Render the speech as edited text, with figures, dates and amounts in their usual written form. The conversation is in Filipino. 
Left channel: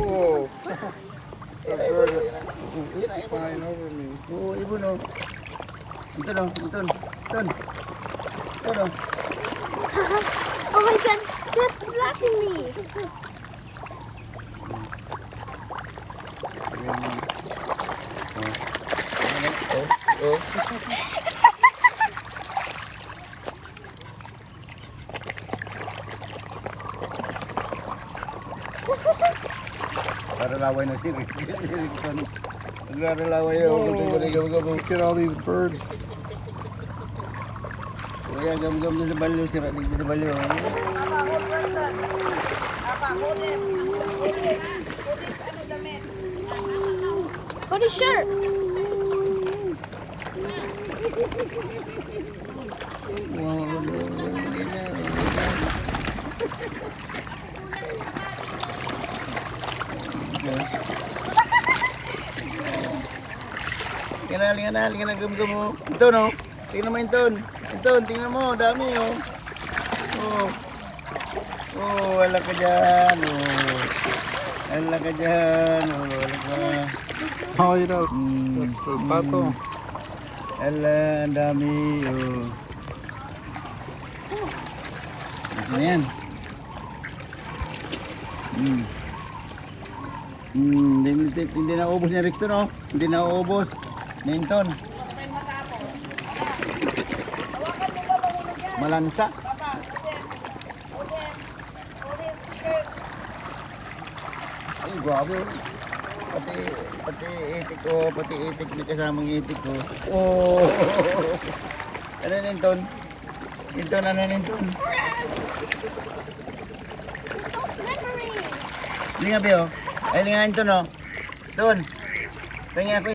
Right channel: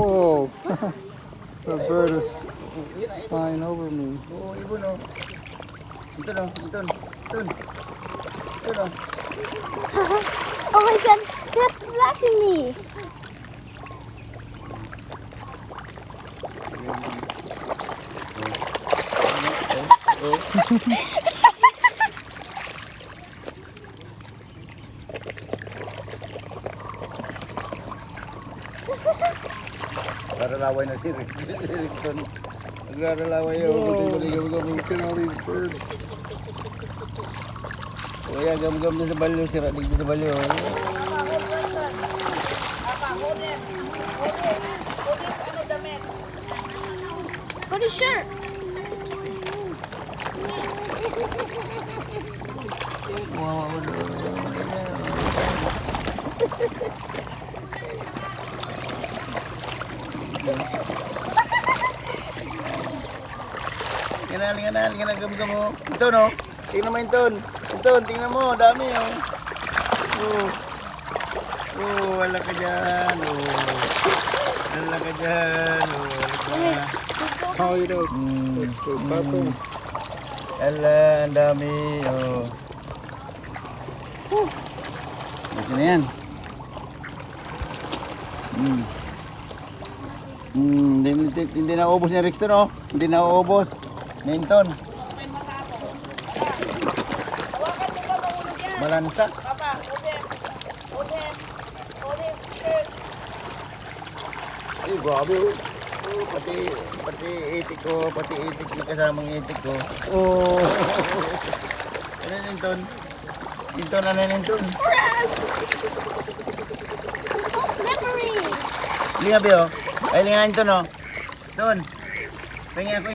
Whoa. The bird is flying over me. Oh, ibon oh. Ito lang, ito. Yan. Ano? Oh my god, they're flashing me. Naglalaway na siya. Naglalaway na. Whoa. Look at all these birds. Kaya gam-gam na sa balyo, sira dito sa balyo. What is shirt? Lingan na, gam-gam mo. Ito no, tingnan mo Inton. Inton, tingnan mo, dami oh. Oh, wala ka dyan. Oh. Wala ka dyan. Oh, wala ka. Oh, you know. The pato. Wala, ang dami. Oh. Ito na yan. Hindi na ubos ni Rexton oh. Hindi na ubos. Ninton. Malansa. Ay, grabe oh. Oh, pati itik ko, pati itik ni kasamang itik ko. Oh. Ano yun, Ninton? Ninton, ano yun, Ninton? Slippery. Linga ba oh? Ay, linga Ninton oh. Doon. Tingin ako